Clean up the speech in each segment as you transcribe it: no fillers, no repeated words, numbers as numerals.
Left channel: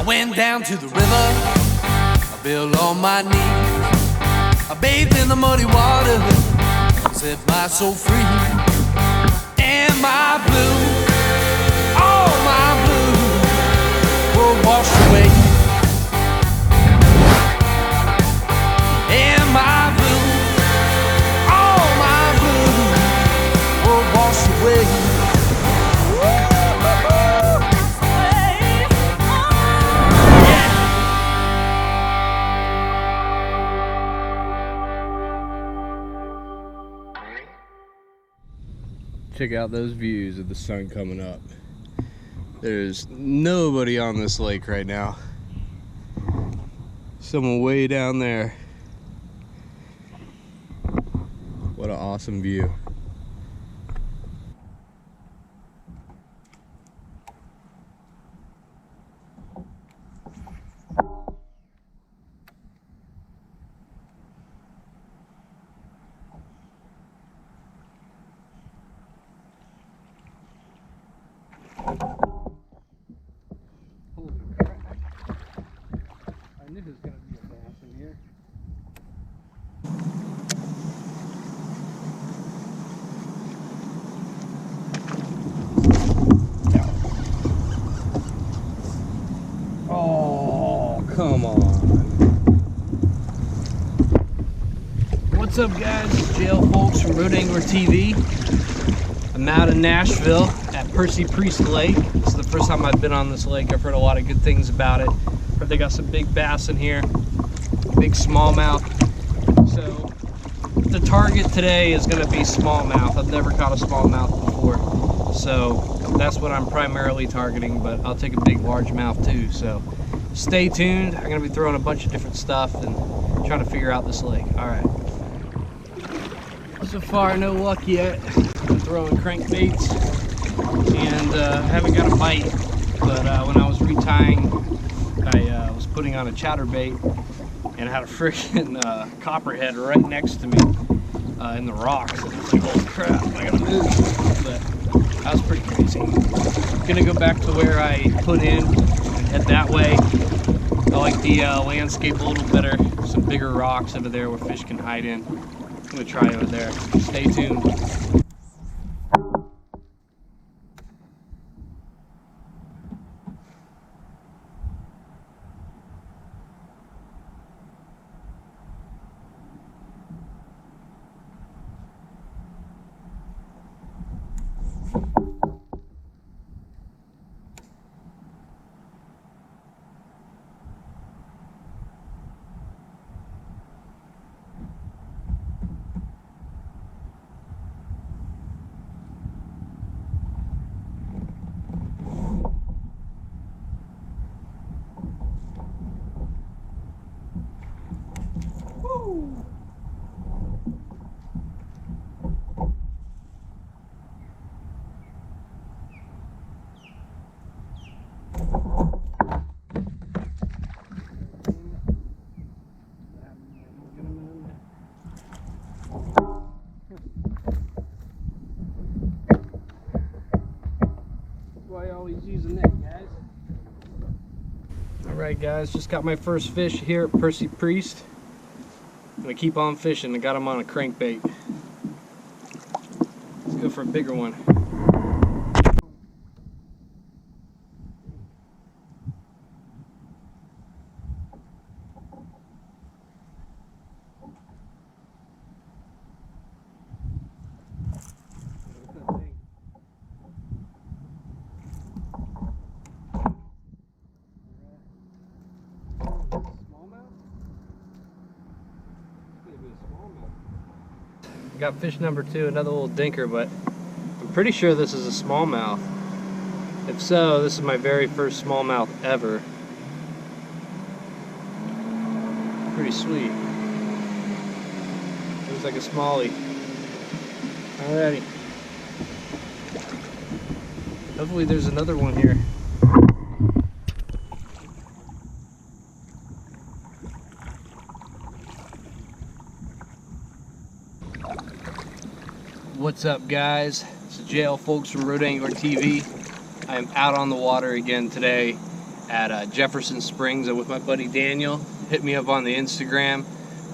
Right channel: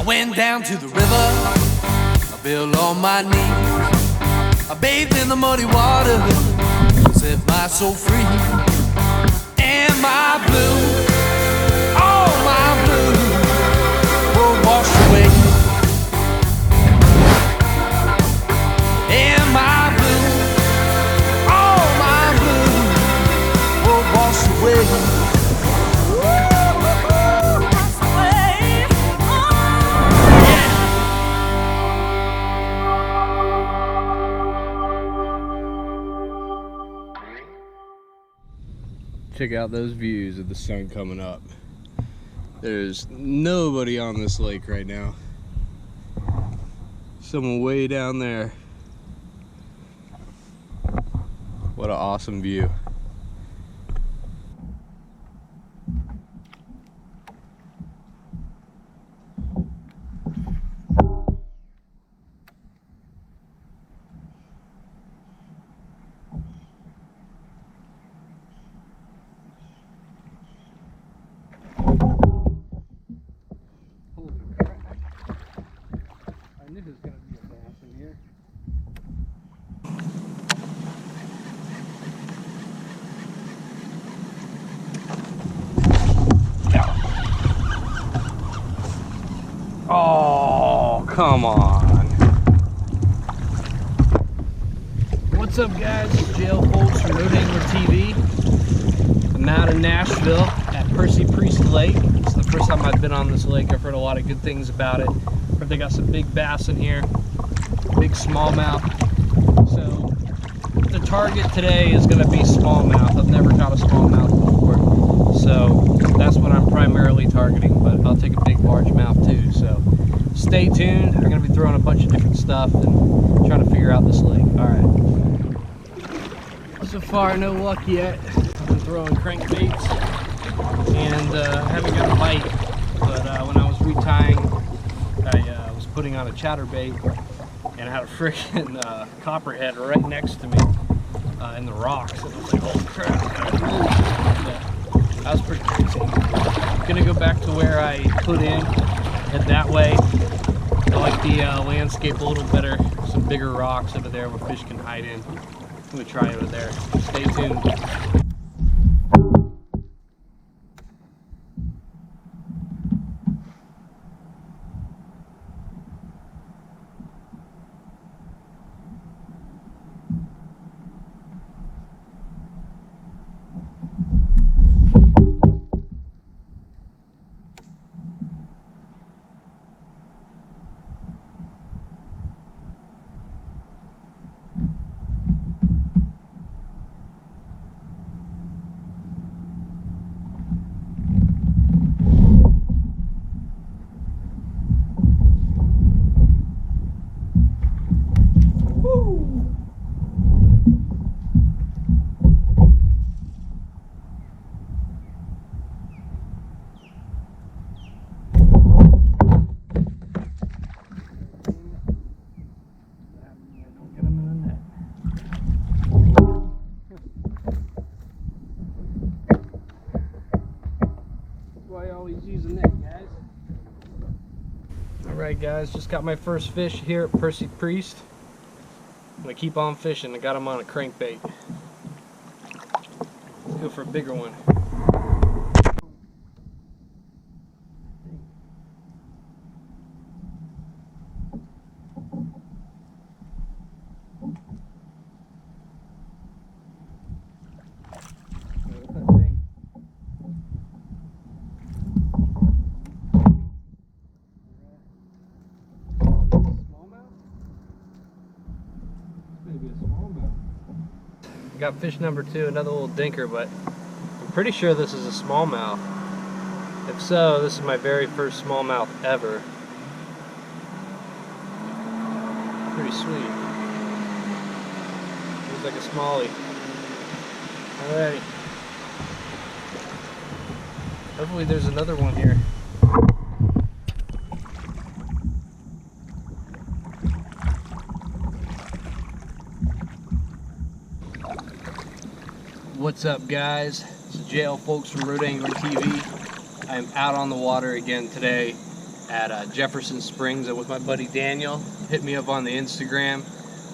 I went down to the river, I fell on my knees. I bathed in the muddy water, set my soul free. And my blue, all my blue, were washed away. And my blue, all my blue, were washed away. Check out those views of the sun coming up. There's nobody on this lake right now. Someone way down there. What an awesome view. This is going to be a bass in here. Oh, come on. What's up, guys? It's JL Folks from Road Angler TV. I'm out in Nashville at Percy Priest Lake. This is the first time I've been on this lake. I've heard a lot of good things about it. Heard they got some big bass in here, big smallmouth. So the target today is going to be smallmouth. I've never caught a smallmouth before, so that's what I'm primarily targeting, but I'll take a big largemouth too. So stay tuned. I'm going to be throwing a bunch of different stuff and trying to figure out this lake. All right. So far, no luck yet. I've been throwing crankbaits and I haven't got a bite, but when I was retying, I was putting on a chatterbait and I had a freaking copperhead right next to me in the rocks, and I was like, holy crap, I gotta move. But that was pretty crazy. Gonna go back to where I put in and head that way. I like the landscape a little better. Some bigger rocks over there where fish can hide in. I'm gonna try over there. Stay tuned. Alright guys, just got my first fish here at Percy Priest. I'm gonna keep on fishing. I got him on a crankbait. Let's go for a bigger one. Got fish number 2, another little dinker, but I'm pretty sure this is a smallmouth. If so, this is my very first smallmouth ever. Pretty sweet. Looks like a smallie. Alrighty. Hopefully there's another one here. What's up, guys? This is JL Folks from Road Angler TV. I am out on the water again today at Jefferson Springs with my buddy Daniel. Hit me up on the Instagram.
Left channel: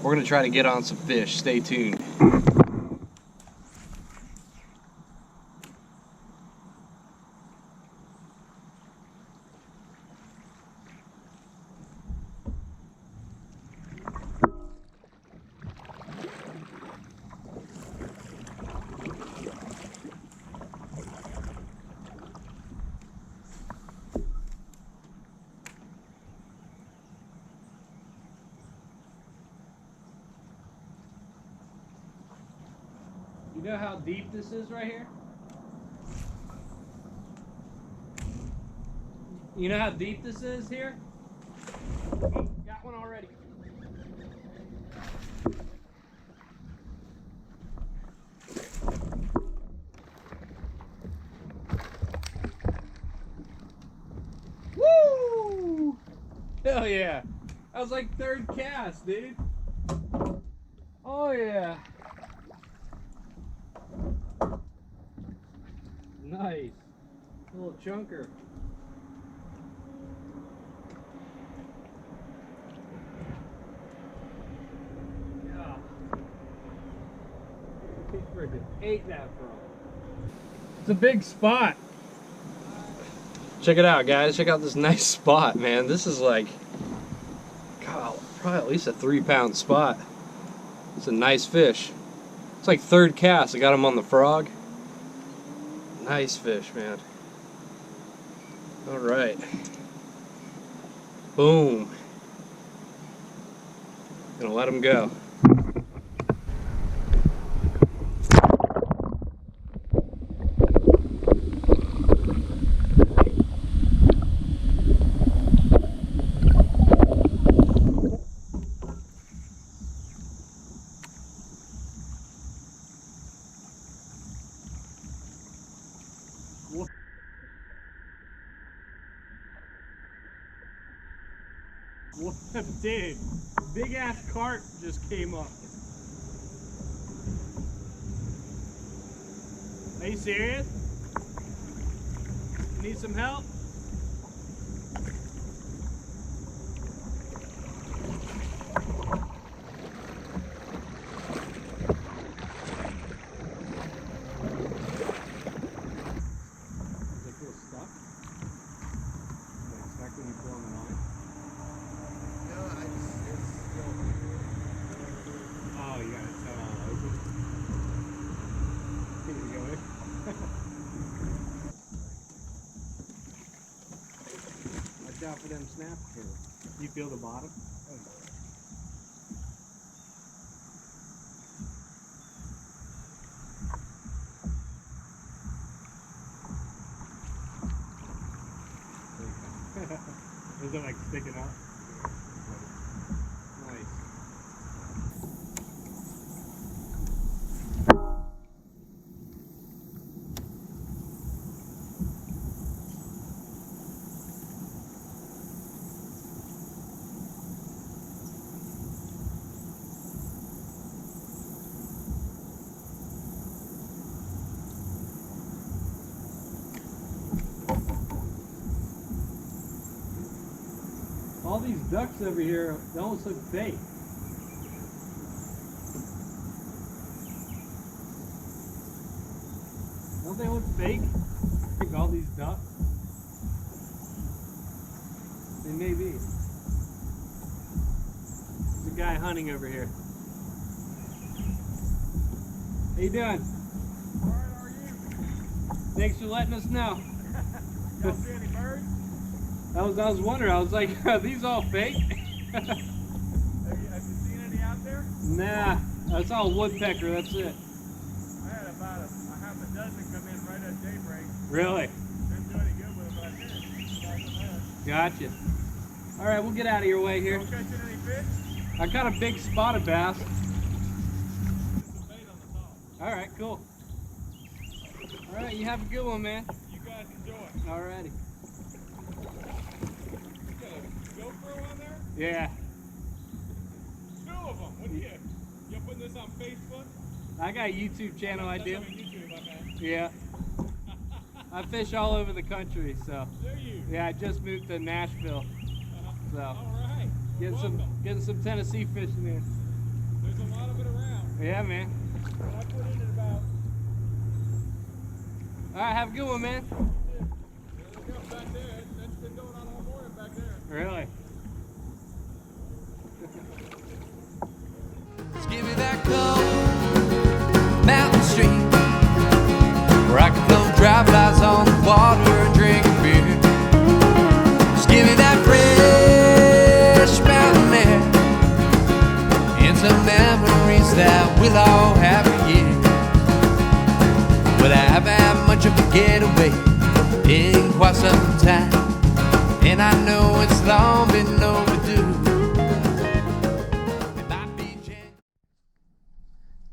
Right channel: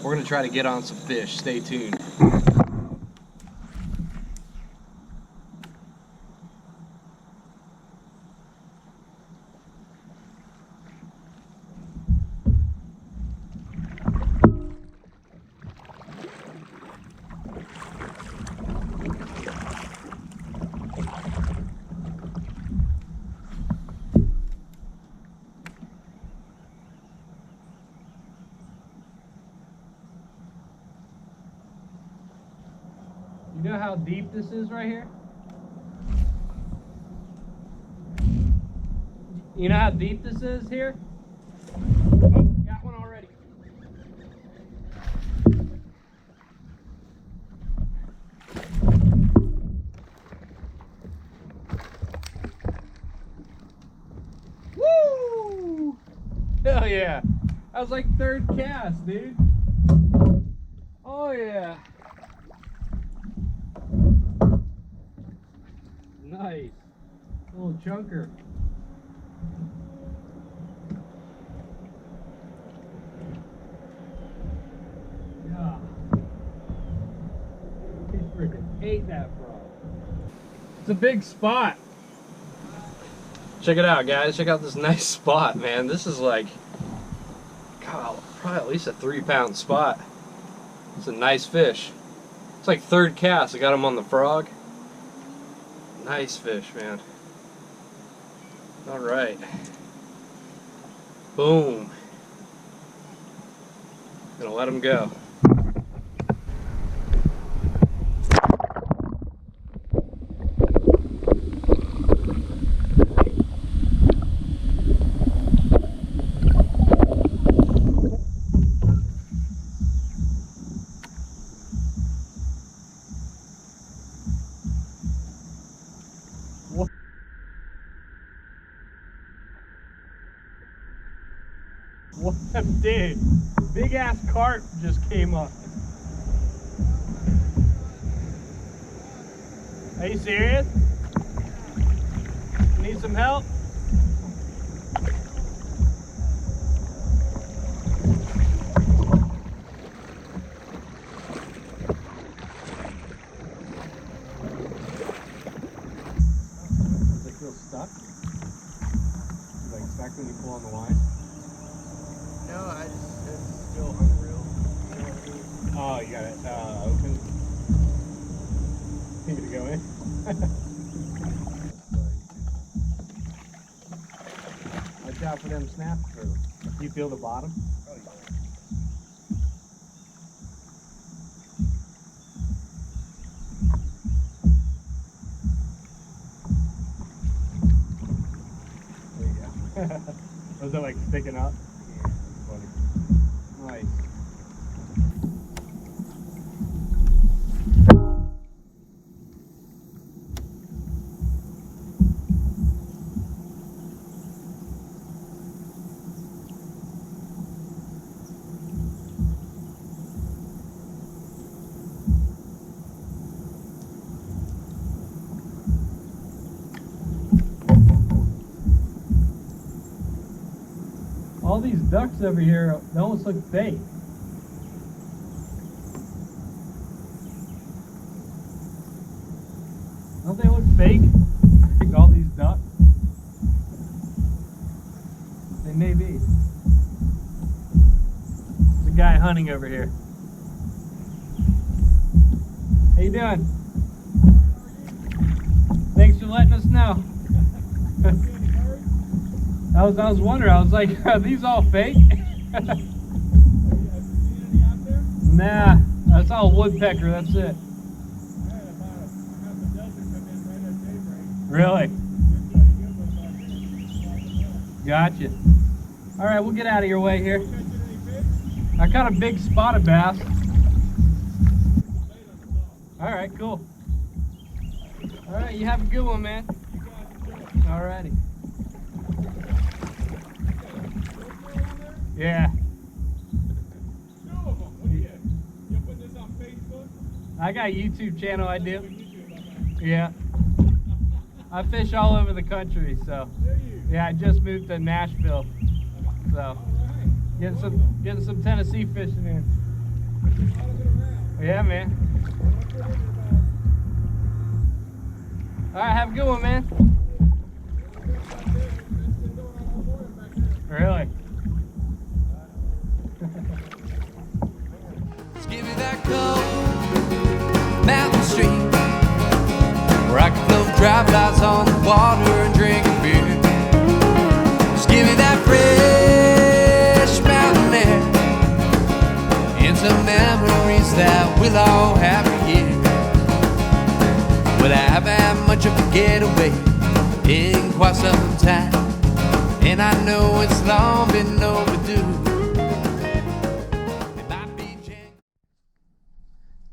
We're gonna try to get on some fish. Stay tuned. You know how deep this is right here? You know how deep this is here? Oh, got one already. Woo! Hell yeah. That was like third cast, dude. Oh yeah. Nice. Little chunker. Yeah. He freaking ate that frog. It's a big spot. Check it out, guys. Check out this nice spot, man. This is like, God, probably at least a 3-pound spot. It's a nice fish. It's like third cast. I got him on the frog. Nice fish, man. All right. Boom. Gonna let him go. What, dude? Big ass carp just came up. Are you serious? Need some help? Does it feel stuck? Like stuck when you pull on the line? No, it's still Oh, you got it open? Need me to go in? Watch out for them snap through. You feel the bottom? Oh, yeah. There you go. Was it like sticking up? Nice. All these ducks over here, they almost look fake. Don't they look fake? I think all these ducks. They may be. There's a guy hunting over here. How you doing? Alright, how are you? Thanks for letting us know. Don't see any birds? I was wondering, I was like, are these all fake? Have you seen any out there? Nah, that's all woodpecker, that's it. I had about a half a dozen come in right at daybreak. Really? Didn't do any good with them, but I did. Got some left. Gotcha. All right, we'll get out of your way here. You catching any fish? I caught a big spotted bass. Just some bait on the top. All right, cool. All right, you have a good one, man. You guys enjoy. All righty. GoPro on there? Yeah, 2 of them. What do you? You putting this on Facebook? I got a YouTube channel I do. That's on YouTube, I bet. Yeah. I fish all over the country, so. Do you? Yeah, I just moved to Nashville, so All right. getting some Tennessee fishing in. There's a lot of it around. Yeah, man. When I put in about, All right, have a good one, man. yeah, back there, that's been going on all morning back there. Really? Just give me that cold mountain stream where I can float dry flies on the water and drink a beer. Just give me that fresh mountain air and some memories that we'll all have for years. Well, I haven't had much of a getaway in quite some time, and I know it's long been overdue.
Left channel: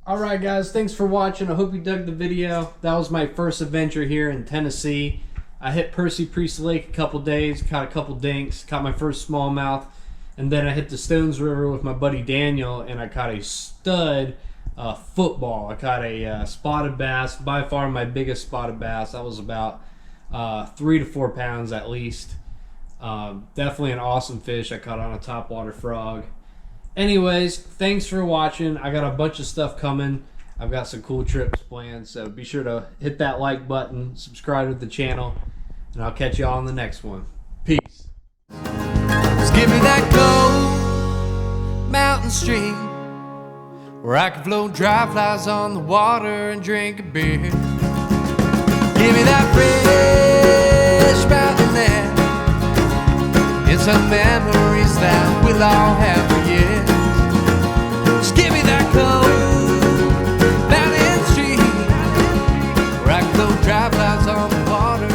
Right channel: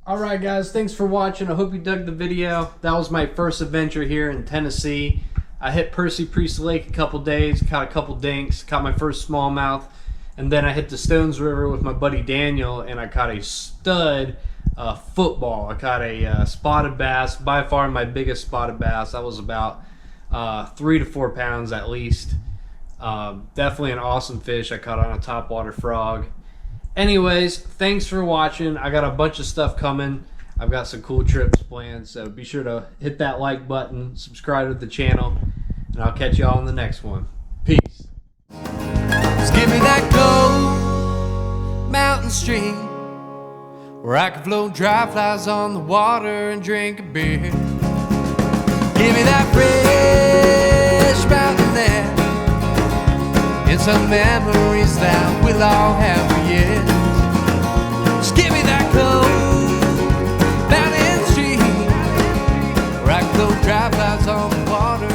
Alright guys, thanks for watching. I hope you dug the video. That was my first adventure here in Tennessee. I hit Percy Priest Lake a couple days, caught a couple dinks, caught my first smallmouth, and then I hit the Stones River with my buddy Daniel, and I caught a stud football. I caught a spotted bass, by far my biggest spotted bass. That was about 3 to 4 pounds at least. Definitely an awesome fish. I caught on a topwater frog. Anyways, thanks for watching. I got a bunch of stuff coming. I've got some cool trips planned, so be sure to hit that like button, subscribe to the channel, and I'll catch y'all on the next one. Peace. Just give me that cold mountain stream where I can float dry flies on the water and drink a beer. Give me that fresh mountain air and some memories that we'll all have for years. Just give me that cold mountain stream where I can float dry flies on the water